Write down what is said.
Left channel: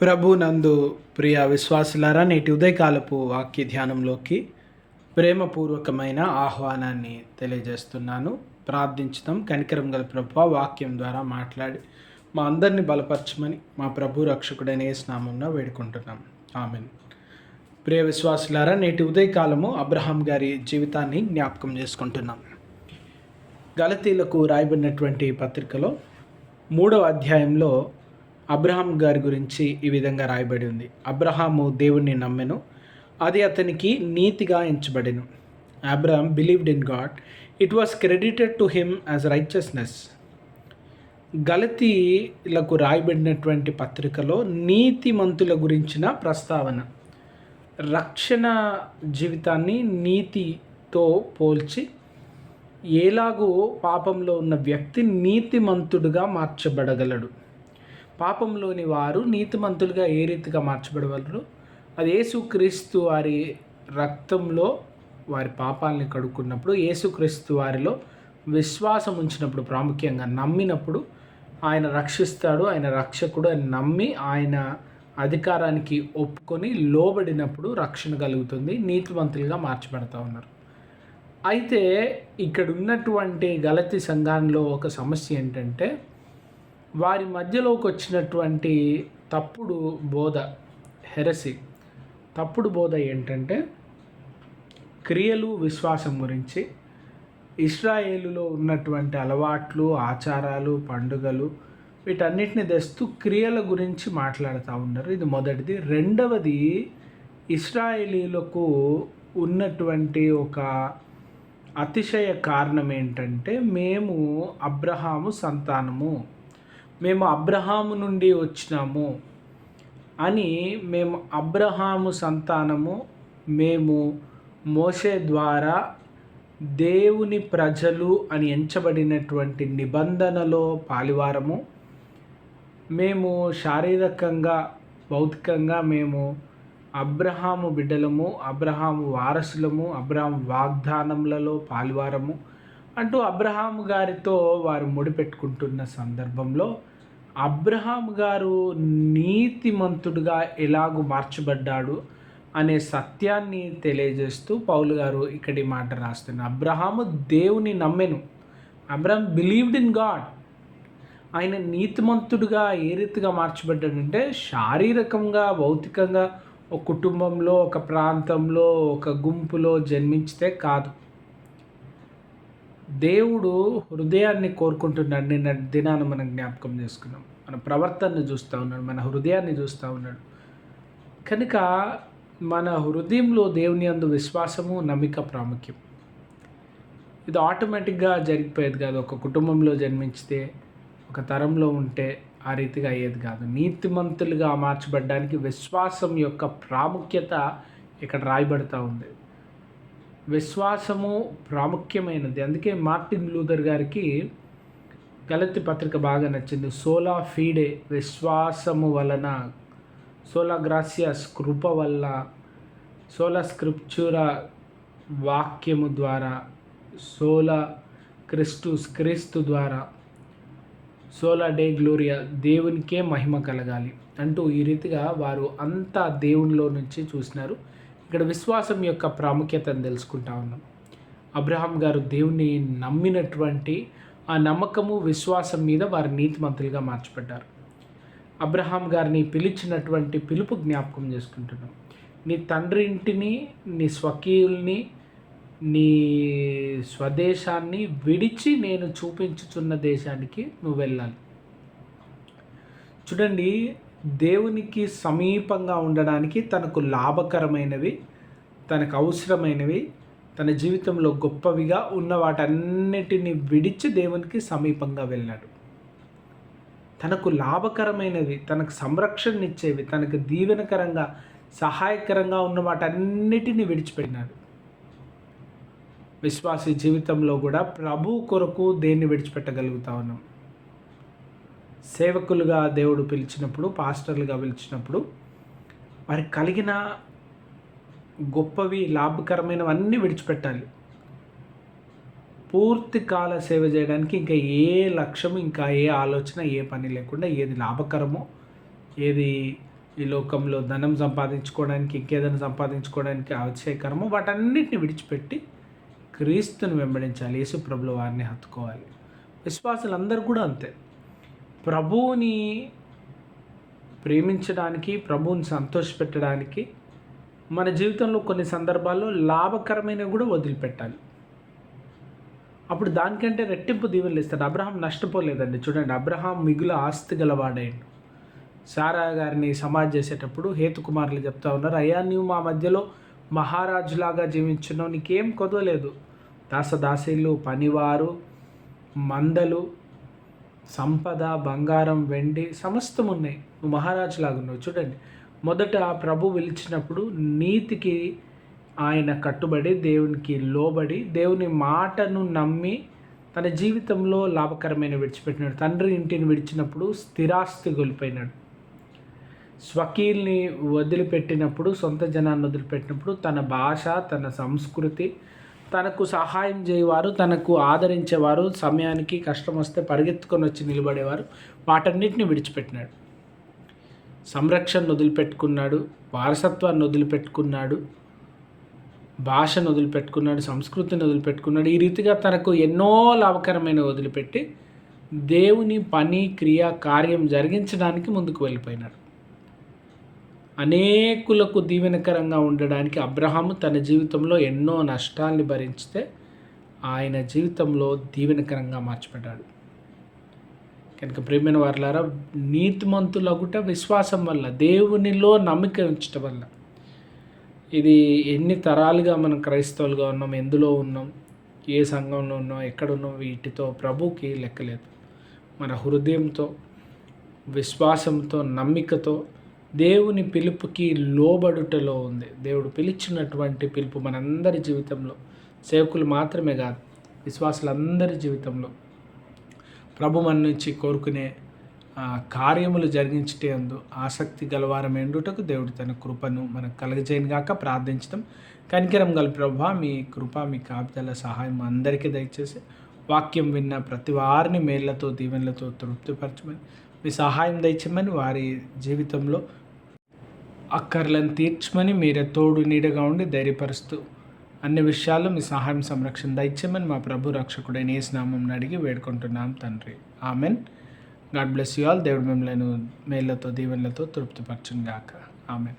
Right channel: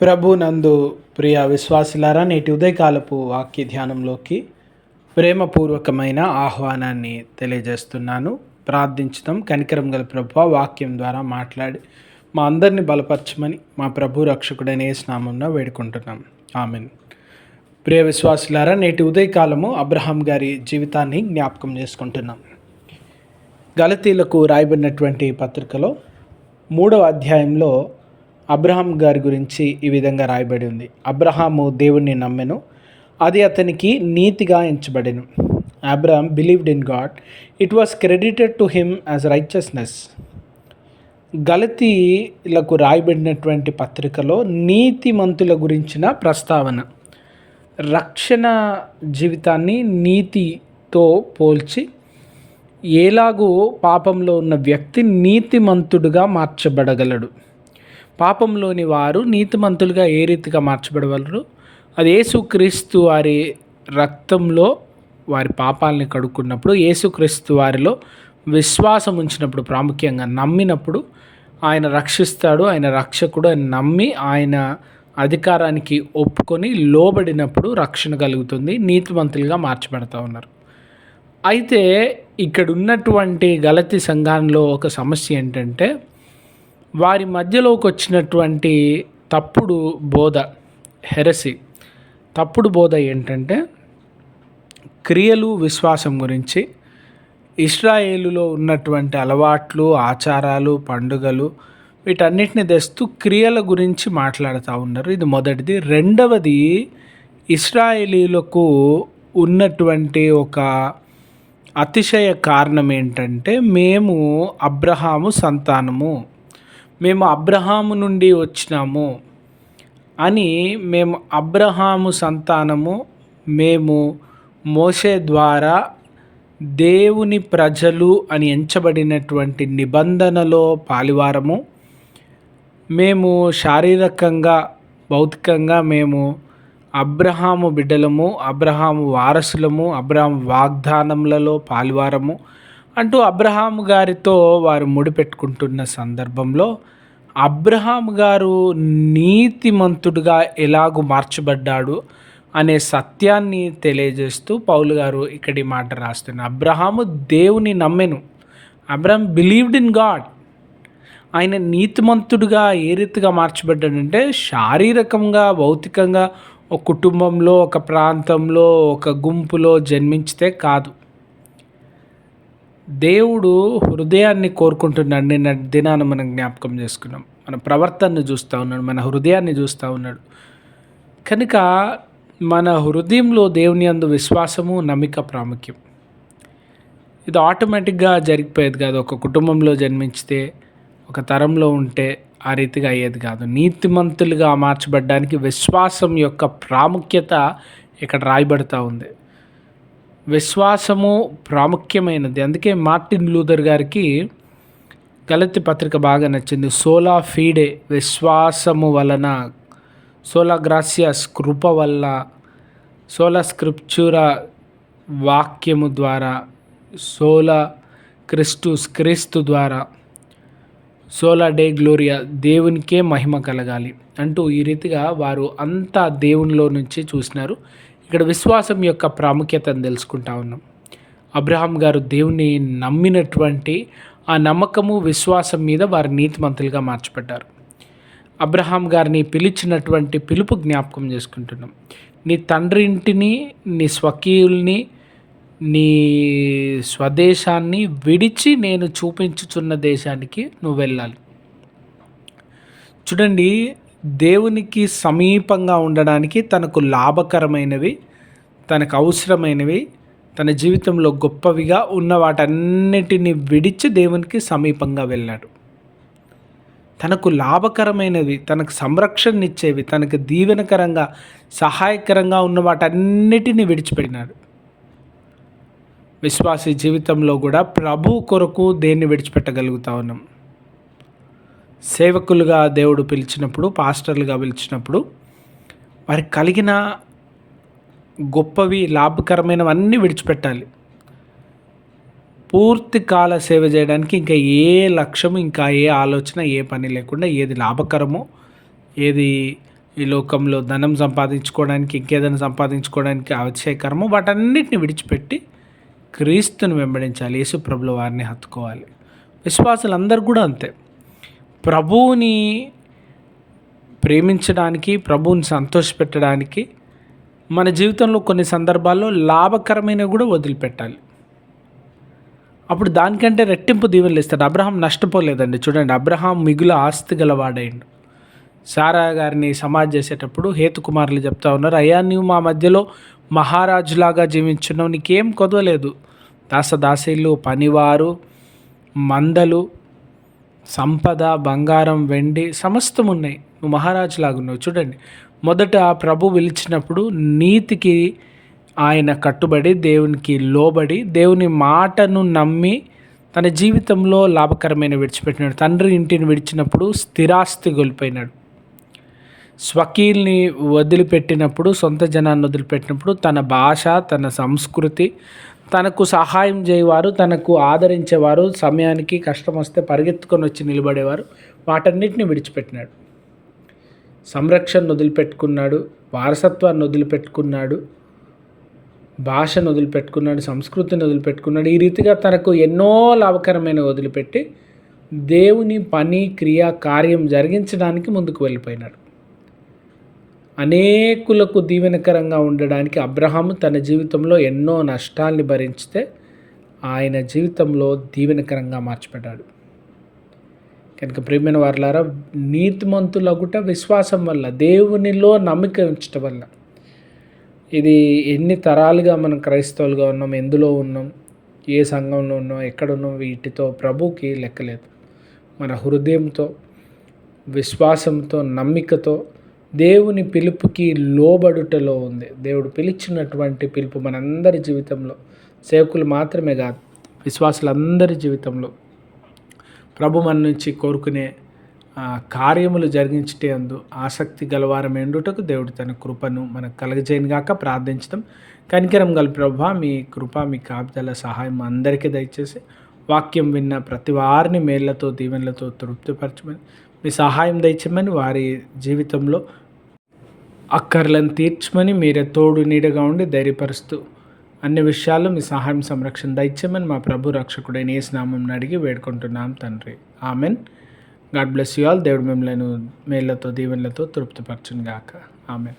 ప్రభు నందు ప్రియ విశ్వాసులారా నేటి ఉదయకాలపు వాక్య ధ్యానంలోకి ప్రేమపూర్వకమైన ఆహ్వానాన్ని తెలియజేస్తున్నాను. ప్రార్థించడం కనికరం గల ప్రభు వాక్యం ద్వారా మాట్లాడి మా అందరిని బలపరచమని మా ప్రభు రక్షకుడైన స్నామంలో వేడుకుంటున్నాం. ఆమెన్. ప్రియ విశ్వాసులారా నేటి ఉదయకాలము అబ్రహాం గారి జీవితాన్ని జ్ఞాపకం చేసుకుంటున్నాం. గలతీలకు రాయబడినటువంటి పత్రికలో మూడవ అధ్యాయంలో అబ్రహాం గారి గురించి ఈ విధంగా రాయబడి ఉంది. అబ్రహాము దేవుణ్ణి నమ్మెను. అది అతనికి నీతిగా ఎంచబడెను. Abraham believed in God it was credited to him as righteousness గలతీలకు రాయబడినటువంటి పత్రికలో నీతిమంతుల గురించిన ప్రస్తావన. రక్షణ జీవితాన్ని నీతితో పోల్చి ఎలాగూ పాపంలో ఉన్న వ్యక్తి నీతిమంతుడుగా మార్చబడగలడు. పాపంలోని వారు నీతిమంతులుగా ఏ రీతిగా మార్చబడగలరు అది యేసుక్రీస్తు వారి రక్తంలో వారి పాపాలని కడుక్కున్నప్పుడు యేసుక్రీస్తు వారిలో విశ్వాసం ఉంచినప్పుడు ప్రాముఖ్యంగా నమ్మినప్పుడు ఆయన రక్షిస్తాడు ఆయన రక్షకుడు అని నమ్మి ఆయన అధికారానికి ఒప్పుకొని లోబడినప్పుడు రక్షణ కలుగుతుంది నీతివంతులుగా మార్చబడతా ఉన్నారు. అయితే ఇక్కడ ఉన్నటువంటి గలతి సంఘంలో ఒక సమస్య ఏంటంటే వారి మధ్యలోకి వచ్చినటువంటి తప్పుడు బోధ హెరసి. తప్పుడు బోధ ఏంటంటే క్రియలు విశ్వాసం గురించి ఇస్రాయేలులో ఉన్నటువంటి అలవాట్లు ఆచారాలు పండుగలు వీటన్నిటిని తెస్తూ క్రియల గురించి మాట్లాడుతూ ఉన్నారు. ఇది మొదటిది. రెండవది ఇస్రాయేలీలకు ఉన్నటువంటి ఒక అతిశయ కారణం ఏంటంటే మేము అబ్రహాము సంతానము. మేము అబ్రహాము నుండి వచ్చినాము అని మేము అబ్రహాము సంతానము మేము మోసే ద్వారా దేవుని ప్రజలు అని ఎంచబడినటువంటి నిబంధనలో పాలివారము. మేము శారీరకంగా భౌతికంగా మేము అబ్రహాము బిడ్డలము అబ్రహాము వారసులము అబ్రహాం వాగ్దానములలో పాలివారము. అంటూ అబ్రహాం గారితో వారు ముడిపెట్టుకుంటున్న సందర్భంలో అబ్రహాం గారు నీతిమంతుడుగా ఎలాగూ మార్చబడ్డాడు అనే సత్యాన్ని తెలియజేస్తూ పౌలు గారు ఇక్కడి మాట రాస్తున్నారు అబ్రహాము దేవుని నమ్మెను. అబ్రహం బిలీవ్డ్ ఇన్ గాడ్ ఆయన నీతిమంతుడుగా ఏ రీతిగా మార్చబడ్డాడంటే శారీరకంగా భౌతికంగా ఒక కుటుంబంలో ఒక ప్రాంతంలో ఒక గుంపులో జన్మించితే కాదు. దేవుడు హృదయాన్ని కోరుకుంటున్నాడు. నిన్న దినాన్ని మనం జ్ఞాపకం చేసుకున్నాం. మన ప్రవర్తనను చూస్తూ ఉన్నాడు. మన హృదయాన్ని చూస్తూ ఉన్నాడు. కనుక మన హృదయంలో దేవుని అందు విశ్వాసము నమ్మిక ప్రాముఖ్యం. ఇది ఆటోమేటిక్గా జరిగిపోయేది కాదు. ఒక కుటుంబంలో జన్మించితే ఒక తరంలో ఉంటే ఆ రీతిగా అయ్యేది కాదు. నీతిమంతులుగా మార్చబడ్డానికి విశ్వాసం యొక్క ప్రాముఖ్యత ఇక్కడ రాయబడుతూ ఉంది. విశ్వాసము ప్రాముఖ్యమైనది. అందుకే మార్టిన్ లూథర్ గారికి గలతి పత్రిక బాగా నచ్చింది. సోలా ఫీడే విశ్వాసము వలన సోలా గ్రాసియస్ కృప వల్ల సోలా స్క్రిప్చురా వాక్యము ద్వారా సోలా క్రిస్టుస్ క్రీస్తు ద్వారా సోలా డే గ్లోరియా దేవునికే మహిమ కలగాలి అంటూ ఈ రీతిగా వారు అంతా దేవునిలో నుంచి చూసినారు. ఇక్కడ విశ్వాసం యొక్క ప్రాముఖ్యతను తెలుసుకుంటా ఉన్నాం. అబ్రహాం గారు దేవుని నమ్మినటువంటి ఆ నమ్మకము విశ్వాసం మీద వారు నీతిమంతులుగా మార్చబడ్డారు అబ్రహాం గారిని పిలిచినటువంటి పిలుపు జ్ఞాపకం చేసుకుంటున్నాం. నీ తండ్రి ఇంటిని నీ స్వకీయుల్ని నీ స్వదేశాన్ని విడిచి నేను చూపించుచున్న దేశానికి నువ్వు వెళ్ళాలి. చూడండి దేవునికి సమీపంగా ఉండడానికి తనకు లాభకరమైనవి తనకు అవసరమైనవి తన జీవితంలో గొప్పవిగా ఉన్న వాటన్నిటిని విడిచి దేవునికి సమీపంగా వెళ్ళాడు. తనకు లాభకరమైనవి తనకు సంరక్షణ ఇచ్చేవి తనకు దీవెనకరంగా సహాయకరంగా ఉన్న వాటన్నిటిని విడిచిపెట్టినాడు. విశ్వాసీ జీవితంలో కూడా ప్రభు కొరకు దేన్ని విడిచిపెట్టగలుగుతా ఉన్నాం? సేవకులుగా దేవుడు పిలిచినప్పుడు పాస్టర్లుగా పిలిచినప్పుడు వారికి కలిగిన గొప్పవి లాభకరమైనవన్నీ విడిచిపెట్టాలి. పూర్తి కాల సేవ చేయడానికి ఇంకా ఏ లక్ష్యం ఇంకా ఏ ఆలోచన ఏ పని లేకుండా ఏది లాభకరమో ఏది ఈ లోకంలో ధనం సంపాదించుకోవడానికి ఇంకేదైనా సంపాదించుకోవడానికి ఆవశ్యకరమో వాటన్నిటిని విడిచిపెట్టి క్రీస్తుని వెంబడించాలి. యేసుప్రభుల వారిని హత్తుకోవాలి. విశ్వాసులందరూ కూడా అంతే. ప్రభువుని ప్రేమించడానికి ప్రభువుని సంతోషపెట్టడానికి మన జీవితంలో కొన్ని సందర్భాల్లో లాభకరమైన కూడా వదిలిపెట్టాలి. అప్పుడు దానికంటే రెట్టింపు దీవెనలు ఇస్తాడు. అబ్రహాం నష్టపోలేదండి. చూడండి అబ్రహాం మిగుల ఆస్తి గలవాడైండు. సారా గారిని సమాజ్ చేసేటప్పుడు హేతుకుమారులు చెప్తా ఉన్నారు అయ్యా నువ్వు మా మధ్యలో మహారాజులాగా జీవించున్నావు. నీకేం కొదవలేదు. దాసదాసీలు పనివారు మందలు సంపద బంగారం వెండి సమస్తం ఉన్నాయి నువ్వు మహారాజులాగున్నావు. చూడండి. మొదట ప్రభు పిలిచినప్పుడు నీతికి ఆయన కట్టుబడి దేవునికి లోబడి దేవుని మాటను నమ్మి తన జీవితంలో లాభకరమైన విడిచిపెట్టినాడు. తండ్రి ఇంటిని విడిచినప్పుడు స్థిరాస్తి కోల్పోయినాడు. స్వకీల్ని వదిలిపెట్టినప్పుడు సొంత జనాన్ని వదిలిపెట్టినప్పుడు తన భాష తన సంస్కృతి తనకు సహాయం చేయవారు తనకు ఆదరించేవారు సమయానికి కష్టం వస్తే పరిగెత్తుకొని వచ్చి నిలబడేవారు వాటన్నిటిని విడిచిపెట్టినాడు. సంరక్షణను వదిలిపెట్టుకున్నాడు వారసత్వాన్ని వదిలిపెట్టుకున్నాడు భాషను వదిలిపెట్టుకున్నాడు సంస్కృతిని వదిలిపెట్టుకున్నాడు. ఈ రీతిగా తనకు ఎన్నో లాభకరమైన వదిలిపెట్టి దేవుని పని క్రియ కార్యం జరిగించడానికి ముందుకు వెళ్ళిపోయినాడు. అనేకులకు దీవెనకరంగా ఉండడానికి అబ్రహాము తన జీవితంలో ఎన్నో నష్టాల్ని భరించితే ఆయన జీవితంలో దీవెనకరంగా మార్చబడ్డాడు కనుక ప్రేమైన వారులారా నీతిమంతులగుట విశ్వాసం వల్ల దేవునిలో నమ్మిక ఉంచటం వల్ల ఇది ఎన్ని తరాలుగా మనం క్రైస్తవులుగా ఉన్నాం ఎందులో ఉన్నాం ఏ సంఘంలో ఉన్నాం ఎక్కడ ఉన్నాం వీటితో ప్రభుకి లెక్కలేదు. మన హృదయంతో విశ్వాసంతో నమ్మికతో దేవుని పిలుపుకి లోబడుటలో ఉంది. దేవుడు పిలిచినటువంటి పిలుపు మనందరి జీవితంలో సేవకులు మాత్రమే కాదు విశ్వాసులందరి జీవితంలో. ప్రభు మన నుంచి కోరుకునే కార్యములు జరిగించటే అందు ఆసక్తి గలవారం ఎండుటకు దేవుడు తన కృపను మనకు కలగజేయను గాక ప్రార్థించడం కనికరం గల ప్రభ మీ కృప మీ కాపుదల సహాయం అందరికీ దయచేసి వాక్యం విన్న ప్రతి వారిని మేళ్ళతో దీవెనలతో తృప్తిపరచమని మీ సహాయం దయచమని వారి జీవితంలో అక్కర్లను తీర్చమని మీరే తోడు నీడగా ఉండి ధైర్యపరుస్తూ అన్ని విషయాల్లో మీ సహాయం సంరక్షణ దయచేమని మా ప్రభు రక్షకుడైన ఏ స్నామం అడిగి వేడుకుంటున్నాం తండ్రి. Amen. God bless you all. దేవుడు మిమ్మల్ని మేళ్ళతో దీవెనలతో తృప్తిపరచును గాక ఆమెన్.